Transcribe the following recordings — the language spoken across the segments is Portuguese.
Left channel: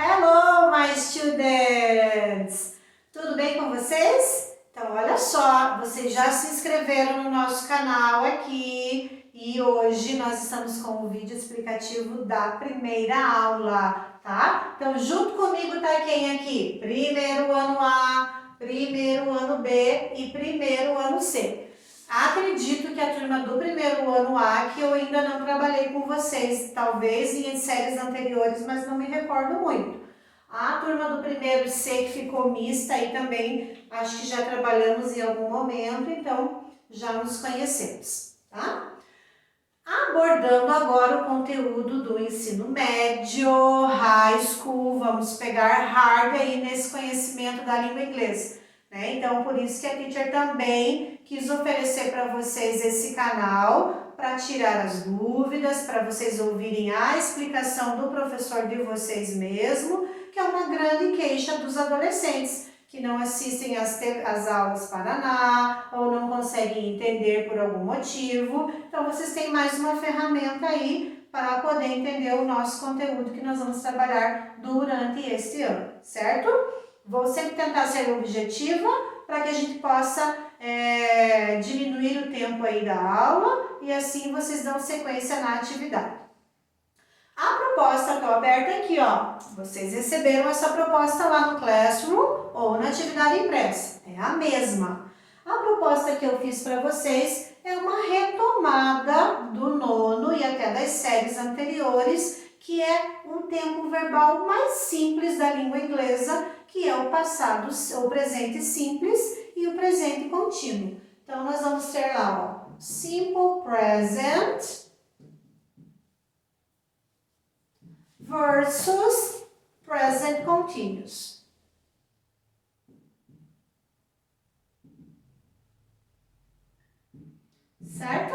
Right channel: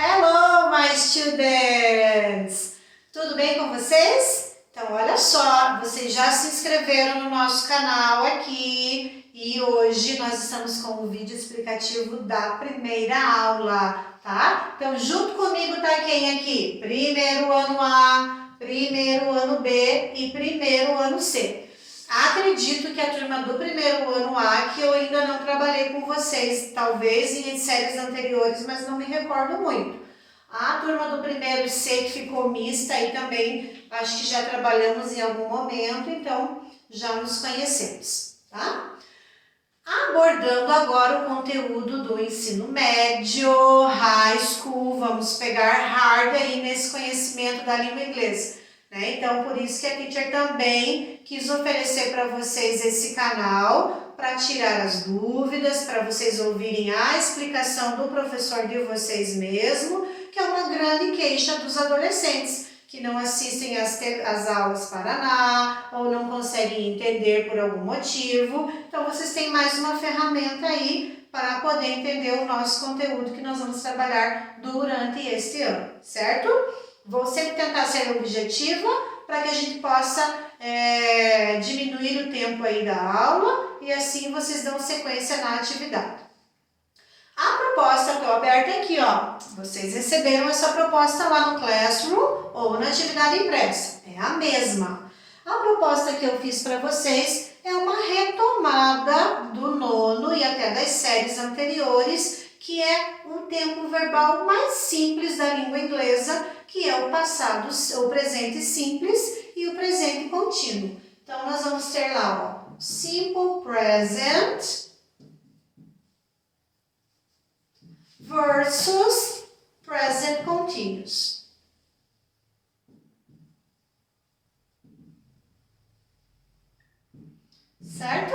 Hello, my students! Tudo bem com vocês? Então, olha só, vocês já se inscreveram no nosso canal aqui e hoje nós estamos com o vídeo explicativo da primeira aula, tá? Então, junto comigo tá quem aqui? Primeiro ano A, primeiro ano B e primeiro ano C. Acredito que a turma do primeiro ano A, que eu ainda não trabalhei com vocês, talvez em séries anteriores, mas não me recordo muito. A turma do primeiro C que ficou mista aí também, acho que já trabalhamos em algum momento, então já nos conhecemos, tá? Abordando agora o conteúdo do ensino médio, high school, vamos pegar hard aí nesse conhecimento da língua inglesa. Então, por isso que a teacher também quis oferecer para vocês esse canal para tirar as dúvidas, para vocês ouvirem a explicação do professor de vocês mesmo, que é uma grande queixa dos adolescentes que não assistem às aulas Paraná ou não conseguem entender por algum motivo. Então, vocês têm mais uma ferramenta aí para poder entender o nosso conteúdo que nós vamos trabalhar durante este ano, certo? Vou sempre tentar ser objetiva para que a gente possa diminuir o tempo aí da aula e assim vocês dão sequência na atividade. A proposta estou aberta aqui, ó. Vocês receberam essa proposta lá no Classroom ou na atividade impressa. É a mesma. A proposta que eu fiz para vocês é uma retomada do nono e até das séries anteriores, que é um tempo verbal mais simples da língua inglesa, que é o passado, o presente simples e o presente contínuo. Então, nós vamos ter lá, ó, simple present versus present continuous. Certo?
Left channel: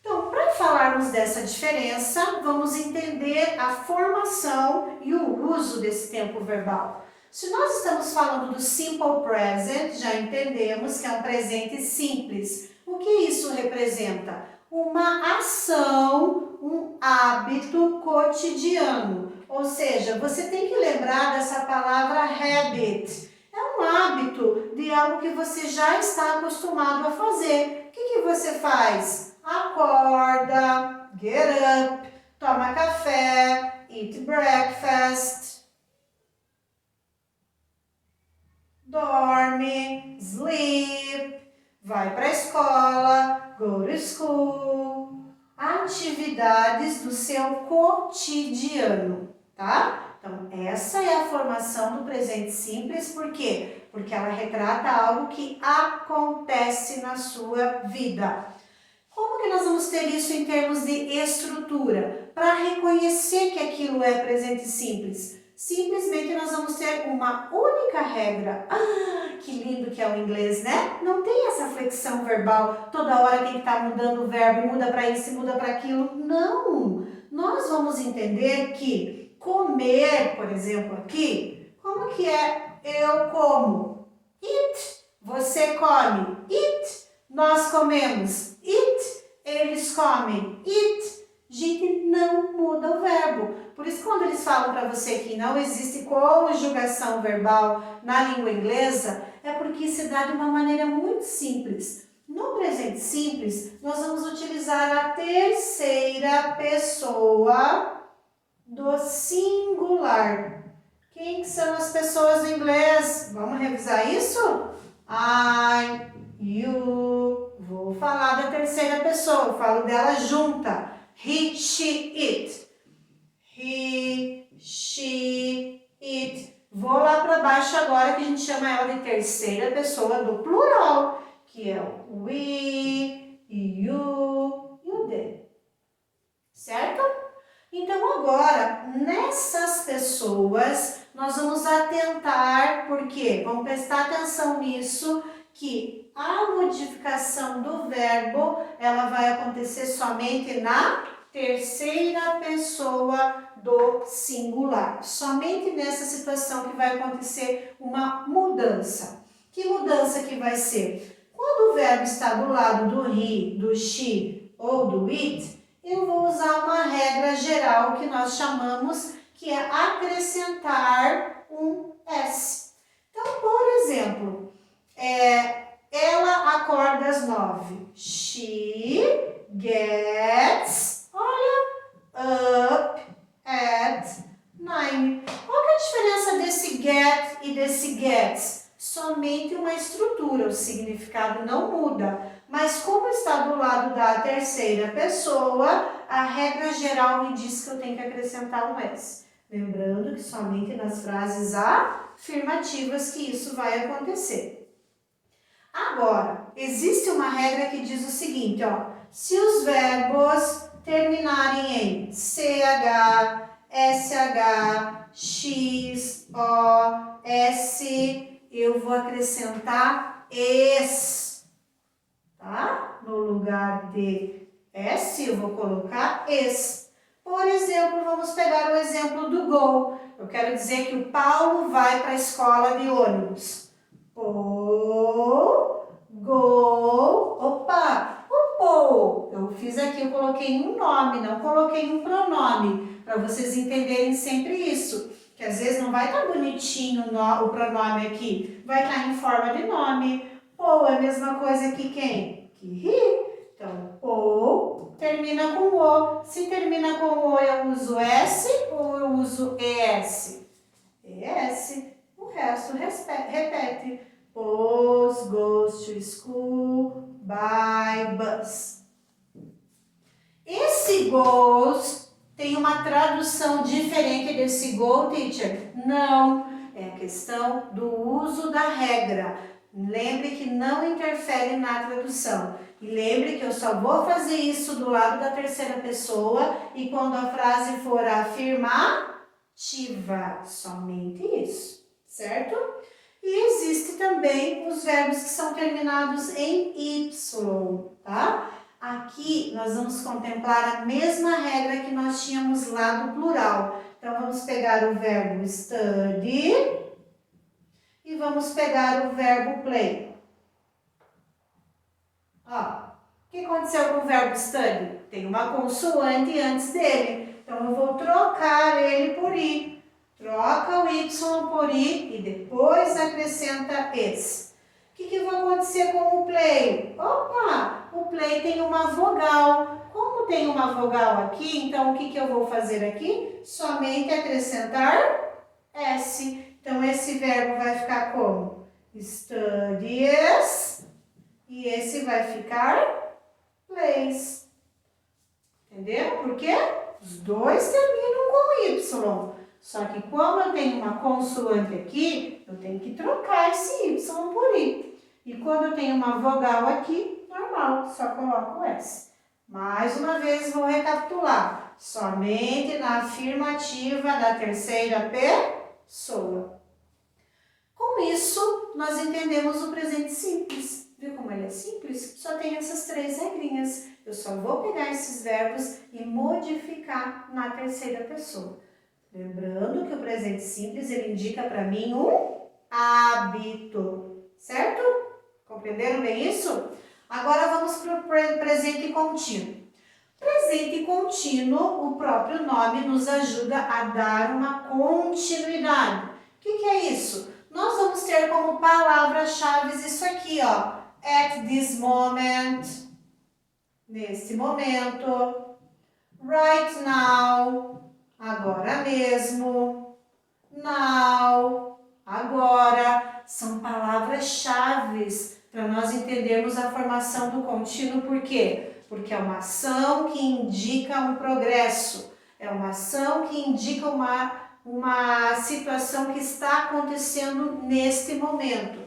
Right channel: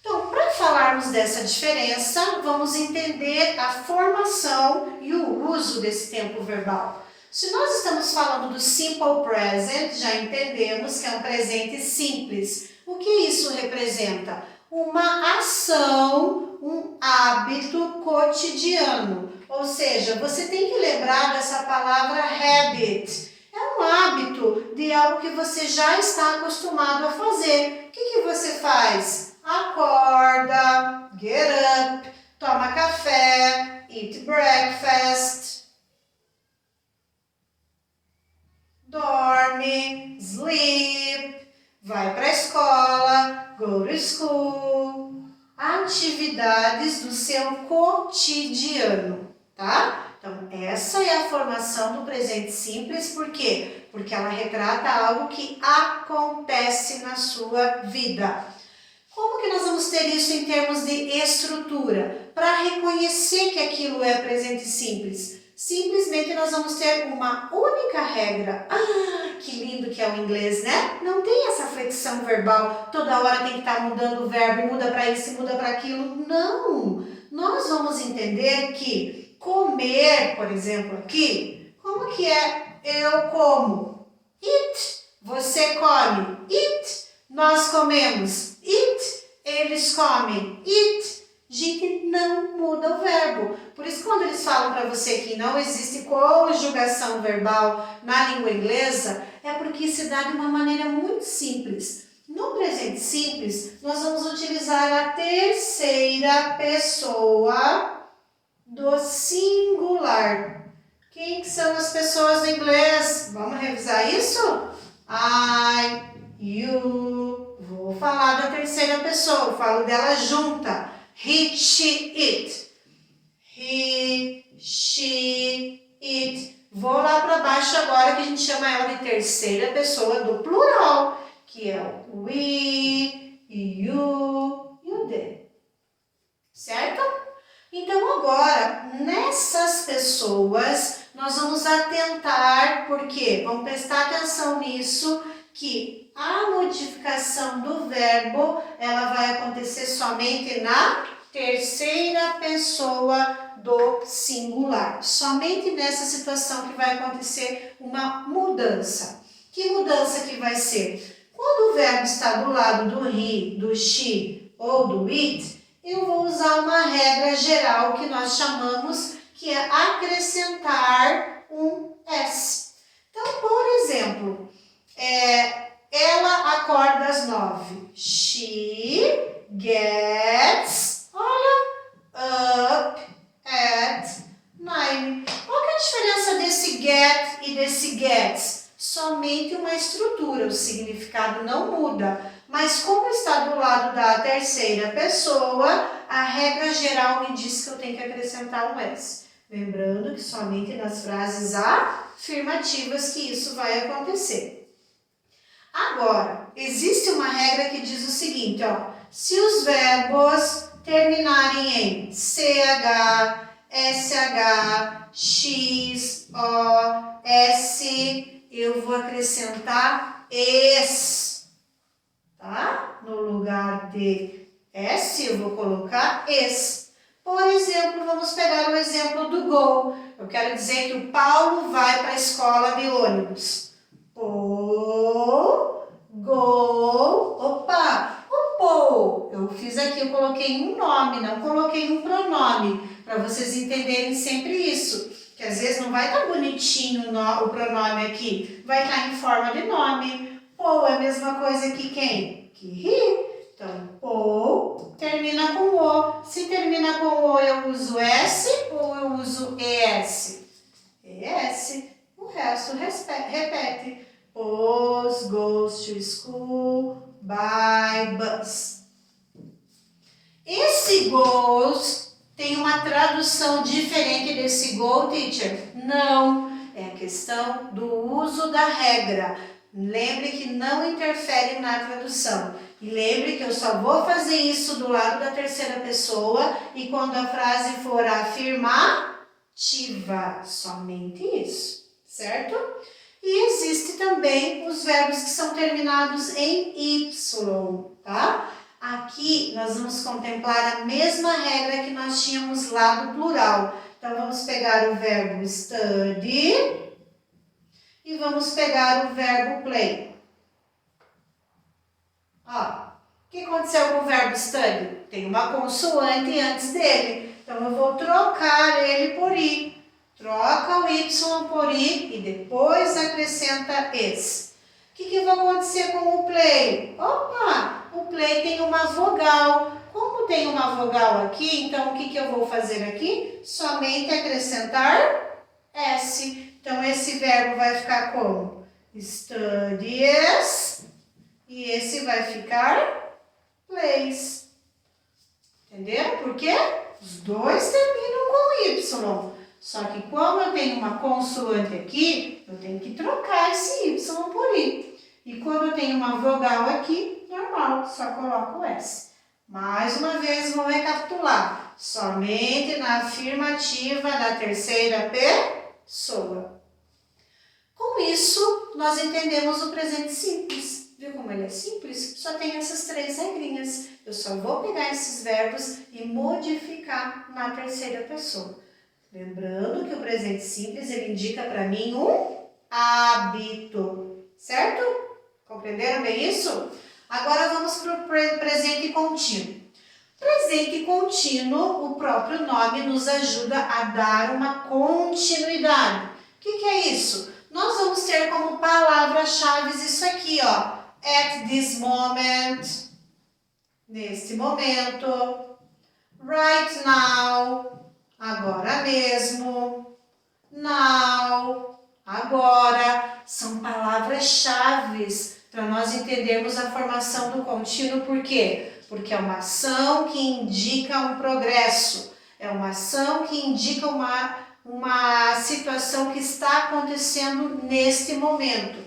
Então, para falarmos dessa diferença, vamos entender a formação e o uso desse tempo verbal. Se nós estamos falando do simple present, já entendemos que é um presente simples. O que isso representa? Uma ação, um hábito cotidiano. Ou seja, você tem que lembrar dessa palavra habit. É um hábito de algo que você já está acostumado a fazer. O que você faz? Acorda, get up, toma café, eat breakfast, dorme, sleep, vai para a escola, go to school. Atividades do seu cotidiano, tá? Então, essa é a formação do presente simples, por quê? Porque ela retrata algo que acontece na sua vida. Como que nós vamos ter isso em termos de estrutura? Para reconhecer que aquilo é presente simples, simplesmente nós vamos ter uma única regra. Ah, que lindo que é o inglês, né? Não tem essa flexão verbal, toda hora tem que estar mudando o verbo, muda para isso, muda para aquilo. Não! Nós vamos entender que comer, por exemplo, aqui, como que é eu como? Eat. Você come. Eat. Nós comemos. Eat. Eles comem. Eat. Gente, não muda o verbo. Por isso, quando eles falam para você que não existe conjugação verbal na língua inglesa, é porque se dá de uma maneira muito simples. No presente simples, nós vamos utilizar a terceira pessoa do singular. Quem que são as pessoas do inglês? Vamos revisar isso? I, you. Vou falar da terceira pessoa, eu falo dela junta. He, she, it. He, she, it. Vou lá para baixo agora que a gente chama ela de terceira pessoa do plural, que é o we, you e o they. Certo? Então agora, nessas pessoas, nós vamos atentar, porque vamos prestar atenção nisso, que a modificação do verbo, ela vai acontecer somente na terceira pessoa do singular. Somente nessa situação que vai acontecer uma mudança. Que mudança que vai ser? Quando o verbo está do lado do he, do she ou do it, eu vou usar uma regra geral que nós chamamos que é acrescentar um S. Então, por exemplo, ela acorda às 9. She gets, up at 9. Qual que é a diferença desse get e desse gets? Somente uma estrutura, o significado não muda. Mas como está do lado da terceira pessoa, a regra geral me diz que eu tenho que acrescentar um S. Lembrando que somente nas frases afirmativas que isso vai acontecer. Agora, existe uma regra que diz o seguinte, ó, se os verbos terminarem em CH, SH, X, O, S, eu vou acrescentar ES, tá? No lugar de S, eu vou colocar ES. Por exemplo, vamos pegar o exemplo do go. Eu quero dizer que o Paulo vai para a escola de ônibus. Eu fiz aqui, eu coloquei um nome, não coloquei um pronome, para vocês entenderem sempre isso. Que às vezes não vai estar bonitinho o pronome aqui, vai estar em forma de nome. Paul é a mesma coisa que quem? Que he. Então, Paul termina com o. Se termina com o, eu uso S ou eu uso ES? ES. O resto repete. Paul goes to school by bus. Esse goes tem uma tradução diferente desse go, teacher? Não. É a questão do uso da regra. Lembre que não interfere na tradução. E lembre que eu só vou fazer isso do lado da terceira pessoa e quando a frase for afirmativa. Somente isso, certo? E existe também os verbos que são terminados em Y, tá? Aqui nós vamos contemplar a mesma regra que nós tínhamos lá do plural. Então, vamos pegar o verbo study e vamos pegar o verbo play. Ó, o que aconteceu com o verbo study? Tem uma consoante antes dele. Então, eu vou trocar ele por I. Troca o Y por I e depois acrescenta esse. O que vai acontecer com o play? Opa, o play tem uma vogal. Como tem uma vogal aqui, então o que eu vou fazer aqui? Somente acrescentar S. Então, esse verbo vai ficar como? Studies. E esse vai ficar plays. Entenderam por quê? Os dois terminam com Y. Só que como eu tenho uma consoante aqui, eu tenho que trocar esse Y por I. E quando eu tenho uma vogal aqui, normal, só coloco o S. Mais uma vez, vou recapitular. Somente na afirmativa da terceira pessoa. Com isso, nós entendemos o presente simples. Viu como ele é simples? Só tem essas três regrinhas. Eu só vou pegar esses verbos e modificar na terceira pessoa. Lembrando que o presente simples, ele indica para mim um hábito, certo? Compreenderam bem isso? Agora vamos para o presente contínuo. Presente contínuo, o próprio nome nos ajuda a dar uma continuidade. O que é isso? Nós vamos ter como palavras-chave isso aqui, ó. At this moment, neste momento. Right now, agora mesmo. Now, agora. São palavras-chave para nós entendermos a formação do contínuo. Por quê? Porque é uma ação que indica um progresso. É uma ação que indica uma situação que está acontecendo neste momento.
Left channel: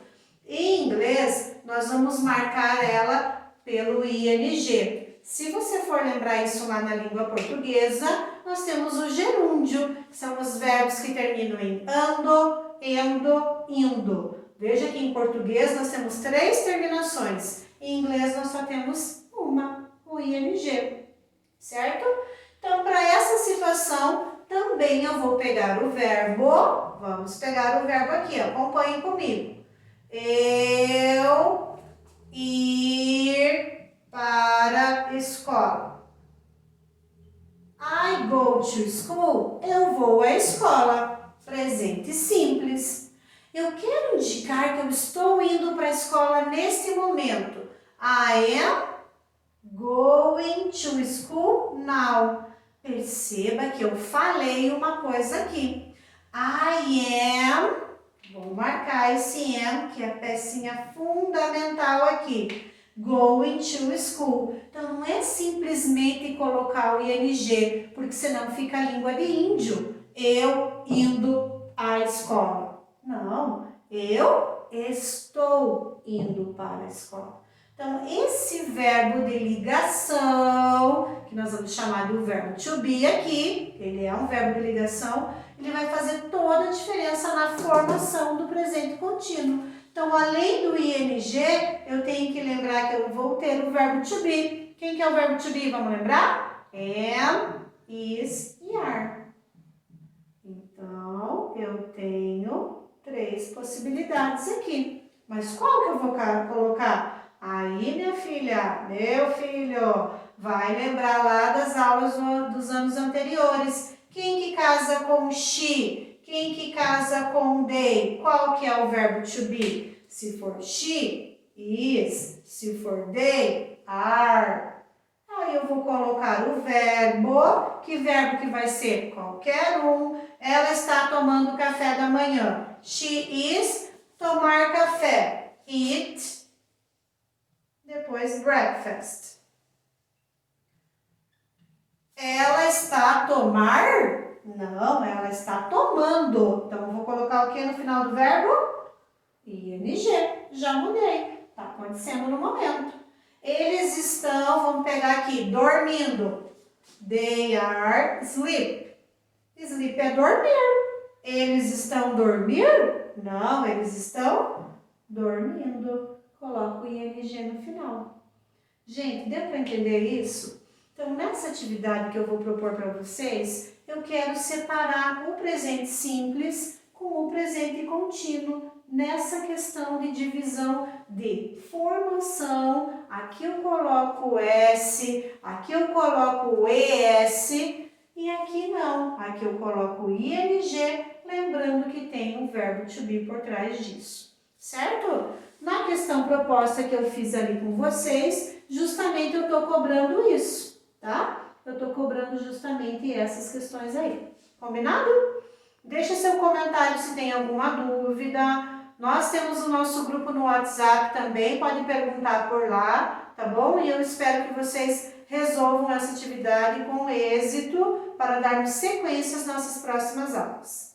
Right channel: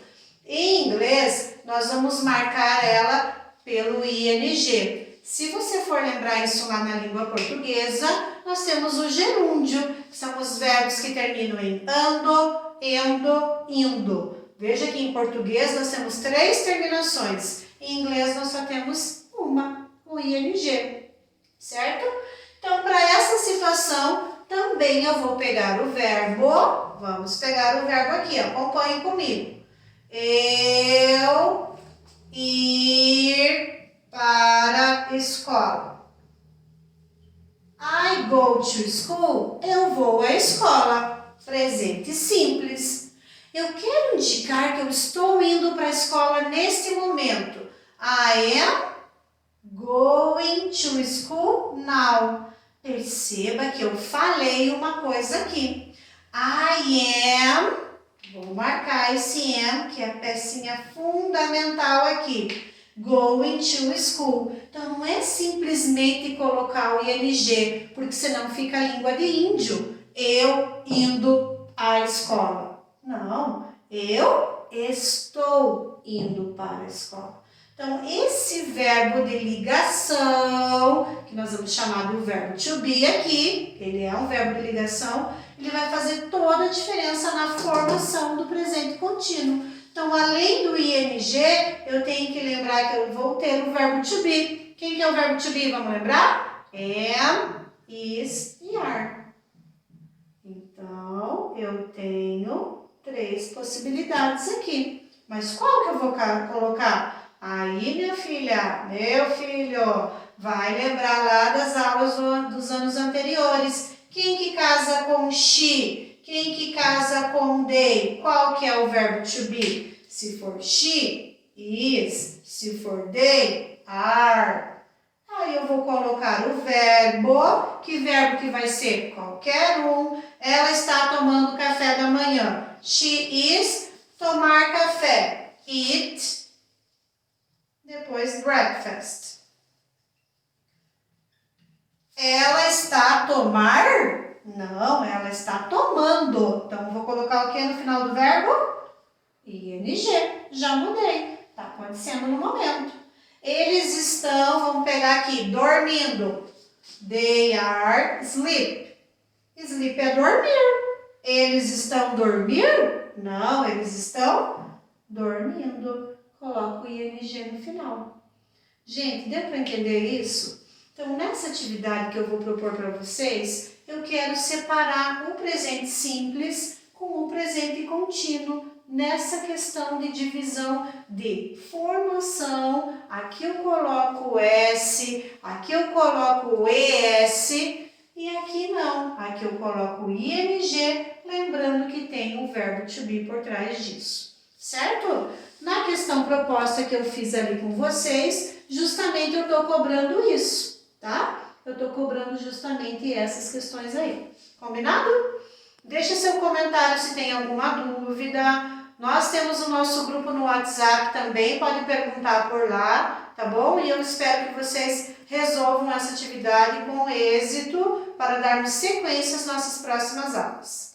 Em inglês, nós vamos marcar ela pelo ING. Se você for lembrar isso lá na língua portuguesa, nós temos o gerúndio, que são os verbos que terminam em ando, endo, indo. Veja que em português nós temos três terminações. Em inglês nós só temos uma, o ING, certo? Então, para essa situação, também eu vou pegar o verbo, vamos pegar o verbo aqui, acompanhem comigo. Eu ir para a escola. I go to school. Eu vou à escola. Presente simples. Eu quero indicar que eu estou indo para a escola neste momento. I am going to school now. Perceba que eu falei uma coisa aqui. I am, vou marcar esse am, que é a pecinha fundamental aqui. Going to school. Então, não é simplesmente colocar o ing, porque senão fica a língua de índio. Eu indo à escola. Não, eu estou indo para a escola. Então, esse verbo de ligação, que nós vamos chamar do verbo to be aqui, ele é um verbo de ligação, ele vai fazer toda a diferença na formação do presente contínuo. Então, além do ing, eu tenho que lembrar que eu vou ter o verbo to be. Quem que é o verbo to be? Vamos lembrar? Am, is e are. Então, eu tenho 3 possibilidades aqui. Mas qual que eu vou colocar? Aí, minha filha, meu filho, vai lembrar lá das aulas dos anos anteriores. Quem que casa com she? Quem que casa com they? Qual que é o verbo to be? Se for she, is. Se for they, are. Aí eu vou colocar o verbo. Que verbo que vai ser? Qualquer um. Ela está tomando café da manhã. She is, tomar café. Eat, depois breakfast. Ela está a tomar? Não, ela está tomando. Então, eu vou colocar o que no final do verbo? ing. Já mudei. Está acontecendo no momento. Eles estão, vamos pegar aqui, dormindo. They are asleep. Sleep é dormir. Eles estão dormindo? Não, eles estão dormindo. Coloco o ing no final. Gente, deu para entender isso? Então, nessa atividade que eu vou propor para vocês, eu quero separar o presente simples com o presente contínuo nessa questão de divisão de formação. Aqui eu coloco o S, aqui eu coloco o ES e aqui não. Aqui eu coloco o ING, lembrando que tem o verbo to be por trás disso, certo? Na questão proposta que eu fiz ali com vocês, justamente eu estou cobrando isso, tá? Eu estou cobrando justamente essas questões aí. Combinado? Deixa seu comentário se tem alguma dúvida. Nós temos o nosso grupo no WhatsApp também, pode perguntar por lá, tá bom? E eu espero que vocês resolvam essa atividade com êxito para darmos sequência às nossas próximas aulas.